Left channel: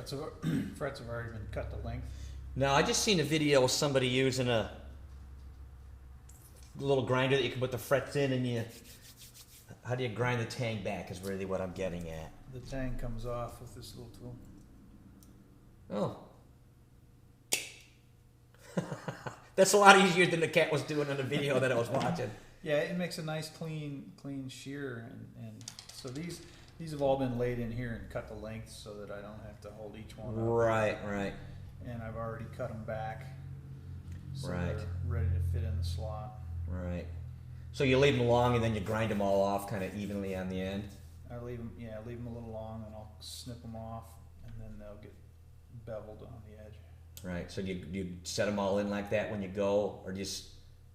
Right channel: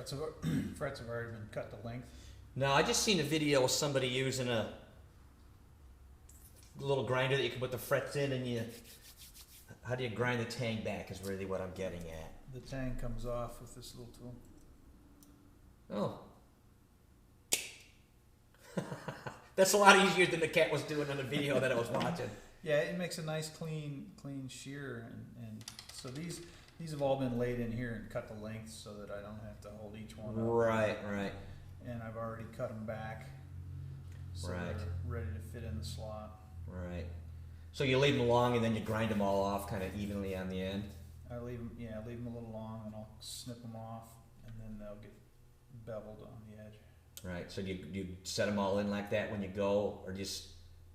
frets have frets have already been cut to length. Now, I just seen a video of somebody using a little grinder that you can put the frets in, and you. How do you grind the tang back? Is really what I'm getting at. The tang comes off with this little tool. Oh. That's a lot easier than the cat was doing in the video that I was watching. Yeah, it makes a nice clean shear, and so these have all been laid in here and cut to length so that I don't have to hold each one up. Right. And I've already cut them back, so Right. they're ready to fit in the slot. Right. So you leave them long and then you grind them all off kind of evenly on the end? I leave them a little long, and I'll snip them off, and then they'll get beveled on the edge. Right. So you set them all in like that when you go, or just,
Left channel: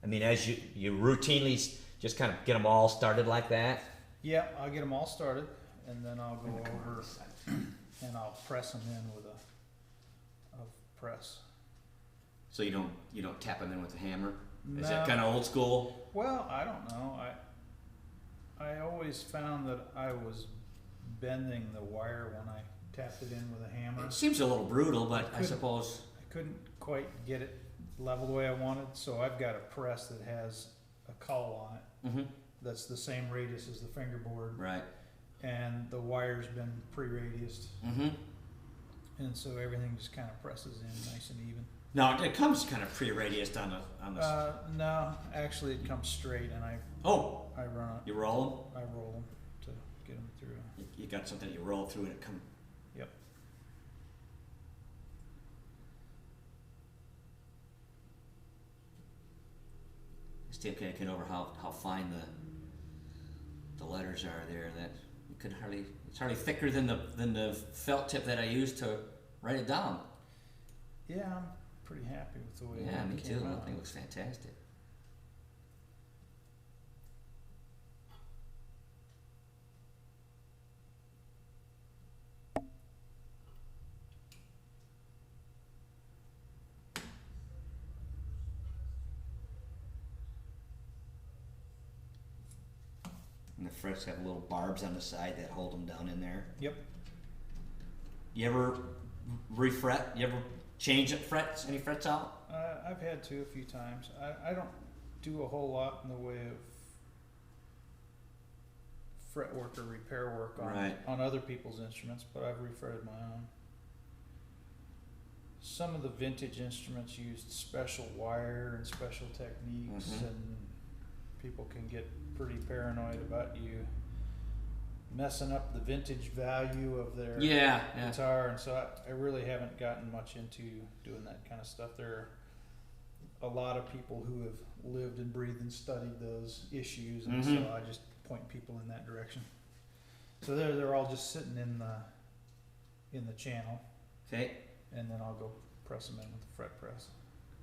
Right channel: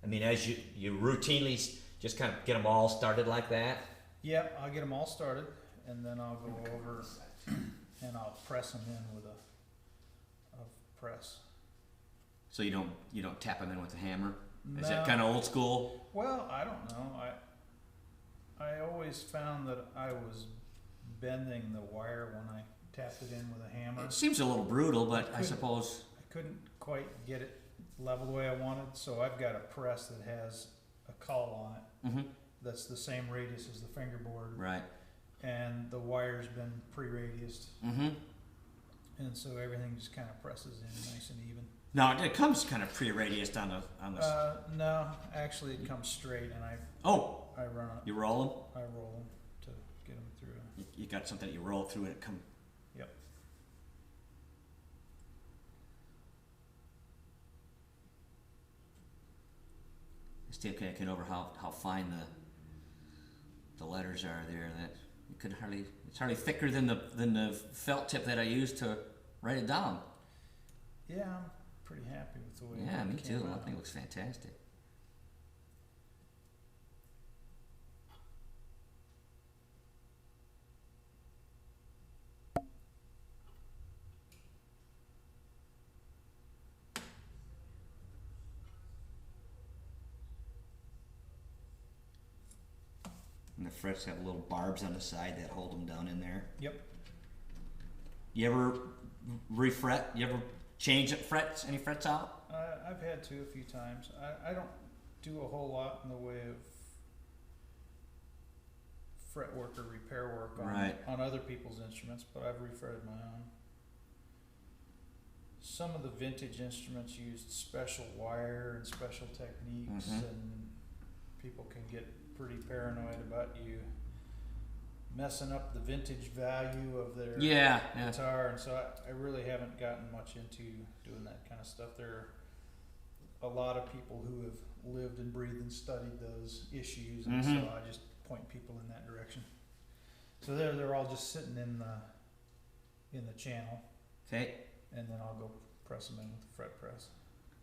I mean, as you routinely just kind of get them all started like that? Yeah, I'll get them all started, and then I'll go over and I'll press them in with a press. So you don't tap them in with a hammer? No. Is that kind of old school? Well, I don't know. I always found that I was bending the wire when I tapped it in with a hammer. It seems a little brutal, but I suppose... I couldn't quite get it level the way I wanted, so I've got a press that has a cowl on it. Mm-hmm. That's the same radius as the fingerboard. Right. And the wire's been pre-radiused. Mm-hmm. And so everything just kind of presses in nice and even. No, it comes kind of pre-radiused on the... No, actually it comes straight, and I run it. You roll I roll them to get them through. You got something that you roll through and it comes... Yep. Still can't get over how fine the letters are there. That you could hardly... It's hardly thicker than the felt tip that I used to write it down. Yeah, I'm pretty happy with the way Yeah, it me came too. out. I think it looks fantastic. And the frets have little barbs on the side that hold them down in there. Yep. You ever refret? You ever change frets? Any frets out? I've had to a few times. I don't do a whole lot in the way of fret work or repair work on other people's instruments, but I've refretted my own. Some of the vintage instruments used special wire and special techniques, and people can get pretty paranoid about you messing up the vintage value of their guitar, and so I really haven't gotten much into doing that kind of stuff. There are a lot of people who have lived and breathed and studied those issues, and so I just point people in that direction. So they're all just sitting in the channel. Okay. And then I'll go press them in with the fret press.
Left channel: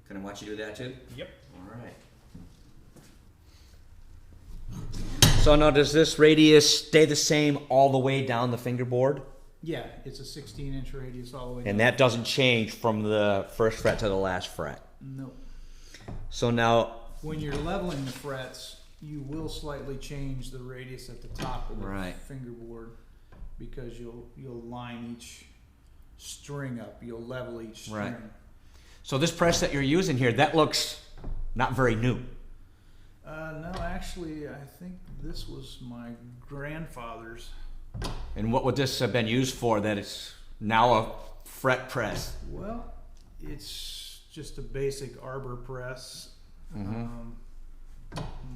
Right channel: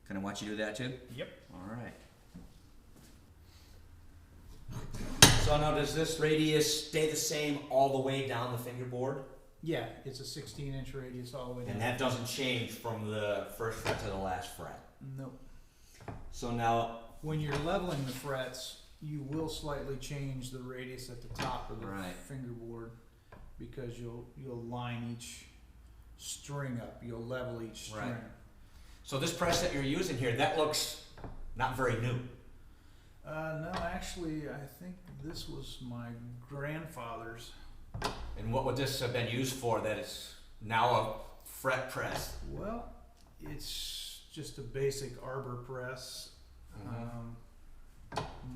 Can I watch you do that too? Yep. All right. So now does this radius stay the same all the way down the fingerboard? Yeah, it's a 16-inch radius all the way down. And that doesn't change from the first fret to the last fret? No. So now... When you're leveling the frets, you will slightly change the radius at the top of the fingerboard, because you'll line each string up. You'll level each string. Right. So this press that you're using here, that looks not very new. No, actually, I think this was my grandfather's. And what would this have been used for that it's now a fret press? Well, it's just a basic arbor press.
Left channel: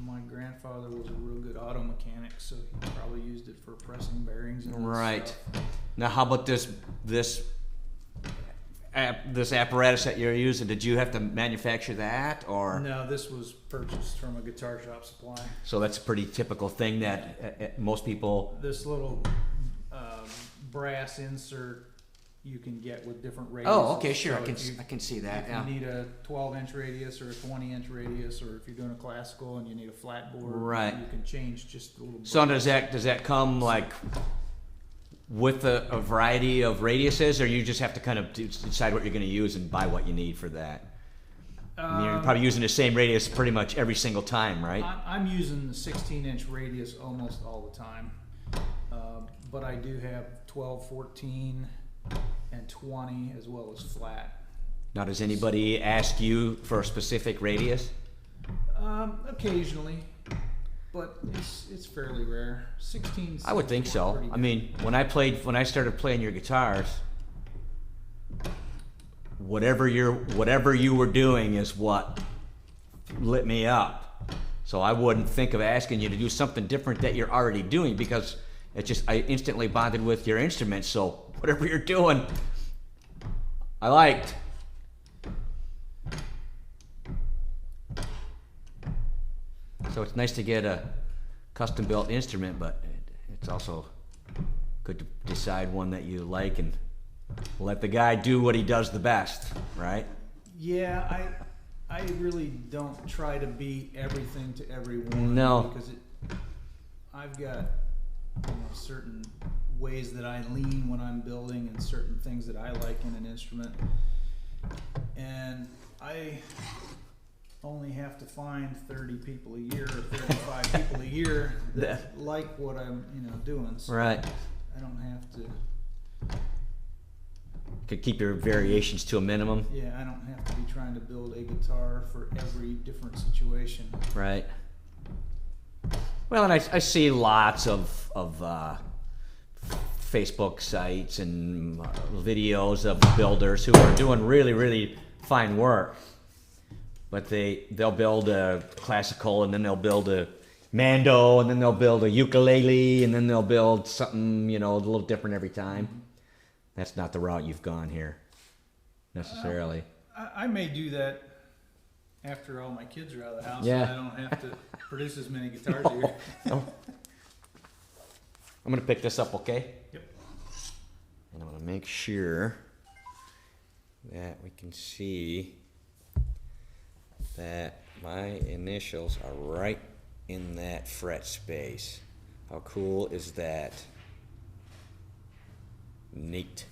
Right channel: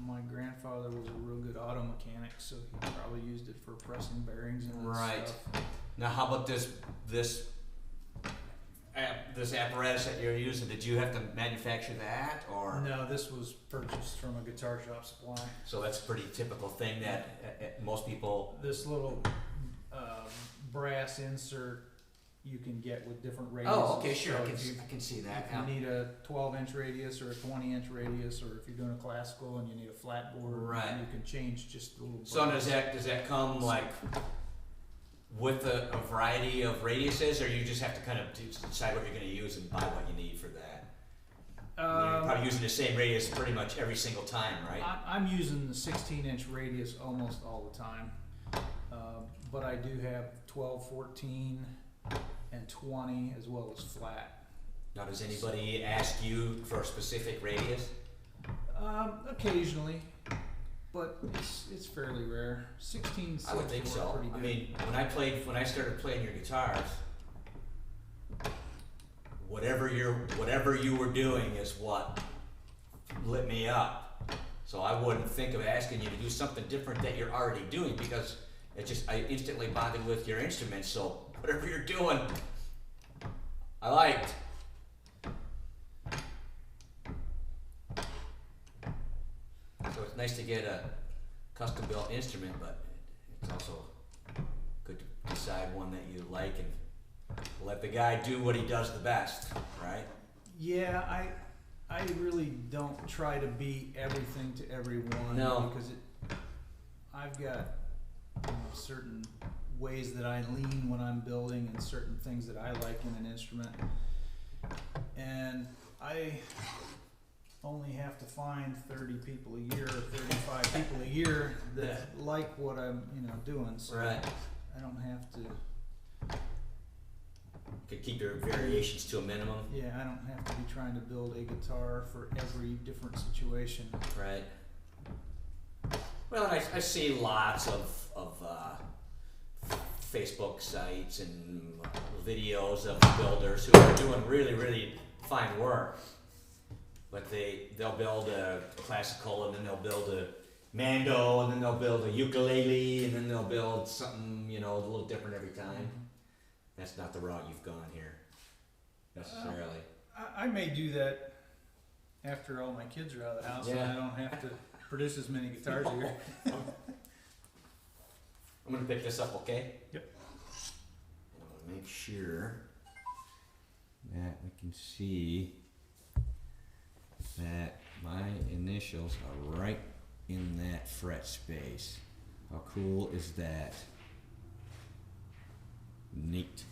My grandfather was a real good auto mechanic, so he probably used it for pressing bearings and stuff. Now, how about this apparatus that you're using? Did you have to manufacture that, or? No, this was purchased from a guitar shop supply. So that's a pretty typical thing that most people. This little brass insert you can get with different radiuses. Oh, okay, sure. So I can see that. If you need a 12-inch radius or a 20-inch radius, or if you're doing a classical and you need a flat board, you can change just a little. So does that come like with a variety of radiuses, or you just have to kind of decide what you're going to use and buy what you need for that? I mean, you're probably using the same radius pretty much every single time, right? I'm using the 16-inch radius almost all the time, but I do have 12, 14, and 20 as well as flat. Now, does anybody ask you for a specific radius? Occasionally, but it's fairly rare. 16. I would think so. I mean, when I started playing your guitars, whatever you were doing is what lit me up. So I wouldn't think of asking you to do something different that you're already doing, because I instantly bonded with your instrument. So whatever you're doing, I liked. So it's nice to get a custom built instrument, but it's also good to decide one that you like and let the guy do what he does the best, right? Yeah, I really don't try to be everything to everyone. No. Because I've got certain ways that I lean when I'm building and certain things that I like in an instrument. And I only have to find 30 people a year or 35 people a year that like what I'm doing. So Right. I don't have to. Could keep your variations to a minimum. Yeah, I don't have to be trying to build a guitar for every different situation. Right. Well, and I see lots of Facebook sites and videos of builders who are doing really, really fine work. But they'll build a classical, and then they'll build a mando, and then they'll build a ukulele, and then they'll build something, a little different every time. Mm-hmm. That's not the route you've gone here, necessarily. I may do that after all my kids are out of the house, Yeah. and I don't have to produce as many guitars a year. I'm going to pick this up, okay? Yep. And I'm going to make sure that we can see that my initials are right in that fret space. How cool is that? Neat.